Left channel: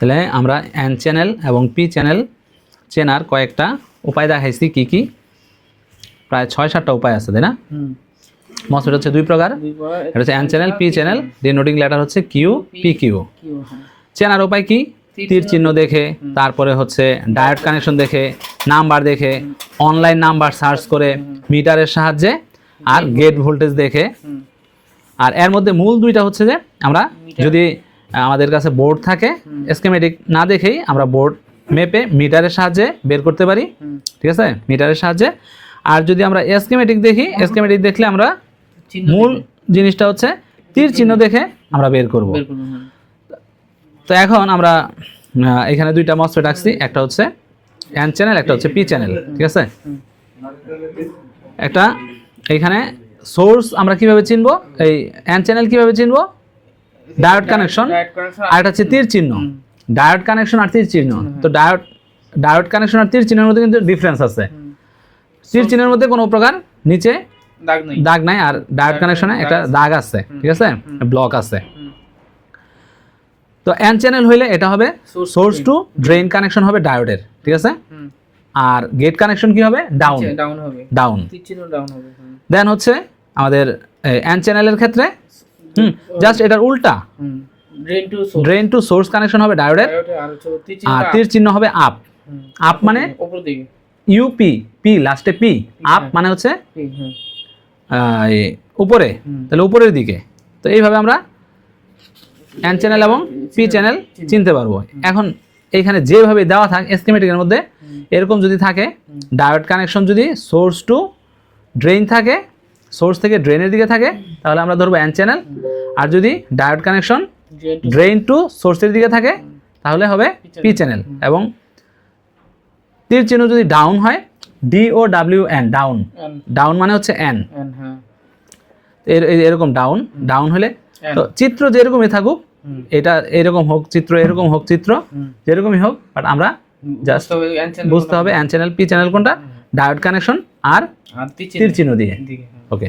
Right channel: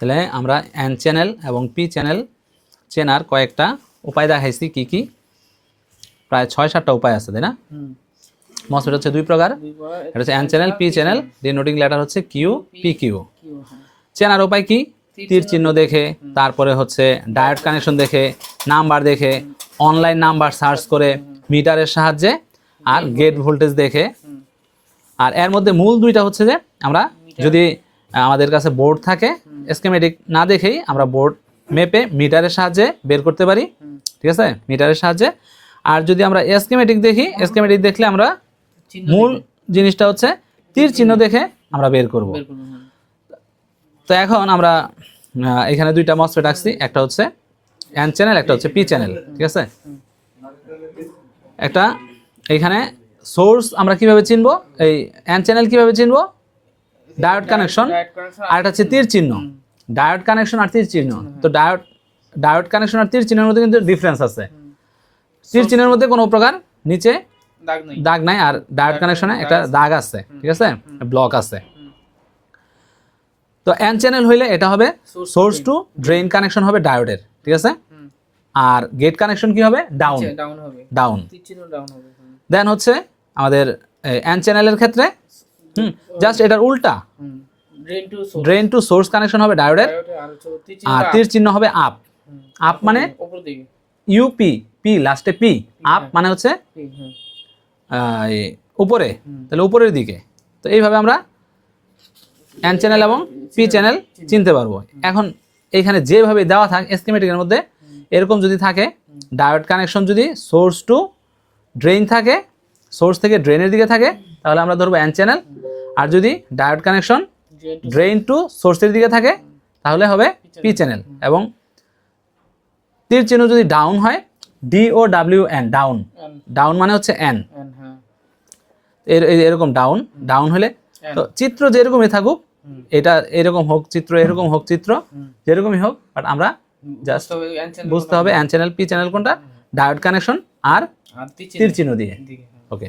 তাহলে আমরা N channel এবং পি চ্যানেল চেনার কয়েকটা উপায় দেখাইছি কি কি, প্রায় 6-7টা উপায় আছে, তাই না? মসফেট হচ্ছে দুই প্রকার, এটা হচ্ছে N channel, P channel, ডিনোটিং letter হচ্ছে কিউ, পি কিউ। চেনার উপায় কি? তীর চিহ্ন দেখে, তারপরে হচ্ছে ডায়োড কানেকশন দেখে, নাম্বার দেখে, অনলাইন নাম্বার সার্চ করে, মিটারের সাহায্যে, আর গেট ভোল্টেজ দেখে। আর এর মধ্যে মূল দুইটা হচ্ছে যে আমরা যদি আমাদের কাছে বোর্ড থাকে, স্কিমেটিক না দেখেই আমরা বোর্ড মেপে মিটারের সাহায্যে বের করতে পারি, ঠিক আছে, মিটারের সাহায্যে। আর যদি আমরা স্কিমেটিক দেখি, স্কিমেটিক দেখলে আমরা মূল জিনিসটা হচ্ছে তীর চিহ্ন দেখে আমরা বের করব। তো এখন আমরা এখানে দুইটা মসফেট রাখছি, একটা হচ্ছে এন চ্যানেল, একটা হচ্ছে পি চ্যানেল, ঠিক আছে। একটা এখানে সোর্স আমরা কিভাবে চিনবো, এই এন চ্যানেল কিভাবে চিনবো, ডায়োড কানেকশন, আর এটা হচ্ছে তীর চিহ্ন। ডায়োড কানেকশন আর তীর চিহ্ন, তো ডায়োড কানেকশন আর তীর চিহ্নের মধ্যে কিন্তু ডিফারেন্স আছে। তীর চিহ্নের মধ্যে কোনো প্রকার নিচে দাগ নাই, আর ডায়োড কানেকশনে একটা দাগ আছে, ঠিক আছে, ব্লক আছে। তো এন চ্যানেল হইলে এটা হবে সোর্স টু ড্রেন কানেকশন হবে ডায়োডের, ঠিক আছে। আর গেট কানেকশন কি হবে, ডাউন। দেন হচ্ছে আমাদের এন চ্যানেলের ক্ষেত্রে জাস্ট এটার উল্টা, ড্রেন টু সোর্স কানেকশন হবে ডায়োডের, আর তীর চিহ্ন হবে আপ। আপ মানে ইউপি, পি লাস্টে পি, আপ মানে হচ্ছে উপরে, তাহলে উপরের দিকে। তো এইভাবে আমরা এন চ্যানেল এবং পি চ্যানেল চিনতে পারবো। এখন এইখানে যেভাবে দেওয়া থাকে স্কিমেটিকের মধ্যে, এরকম যদি থাকে, ডায়োড কানেকশন যদি সোর্স টু ড্রেন থাকে, সোর্স থেকে ড্রেনের দিকে থাকে, তাহলে আমরা ধরবো এন চ্যানেল। আর যদি ডায়োড কানেকশন ড্রেন টু সোর্সের দিকে থাকে, তাহলে হবে পি চ্যানেল। এবং তীর চিহ্ন যদি ডাউন হয়, DOWN, ডাউন, ডাউন মানে হচ্ছে এন, এরকম ডাউন হলে, তো চিত্র যেরকমই থাকুক, এটা এরকম হোক চিত্র, এরকম হোক চিত্র, যেরকমই হোক, বাট আমরা জাস্ট বুঝতে হবে এন চ্যানেল পি চ্যানেল কোনটা, ডায়োড কানেকশন আর তীর চিহ্ন দিয়ে। ওকে।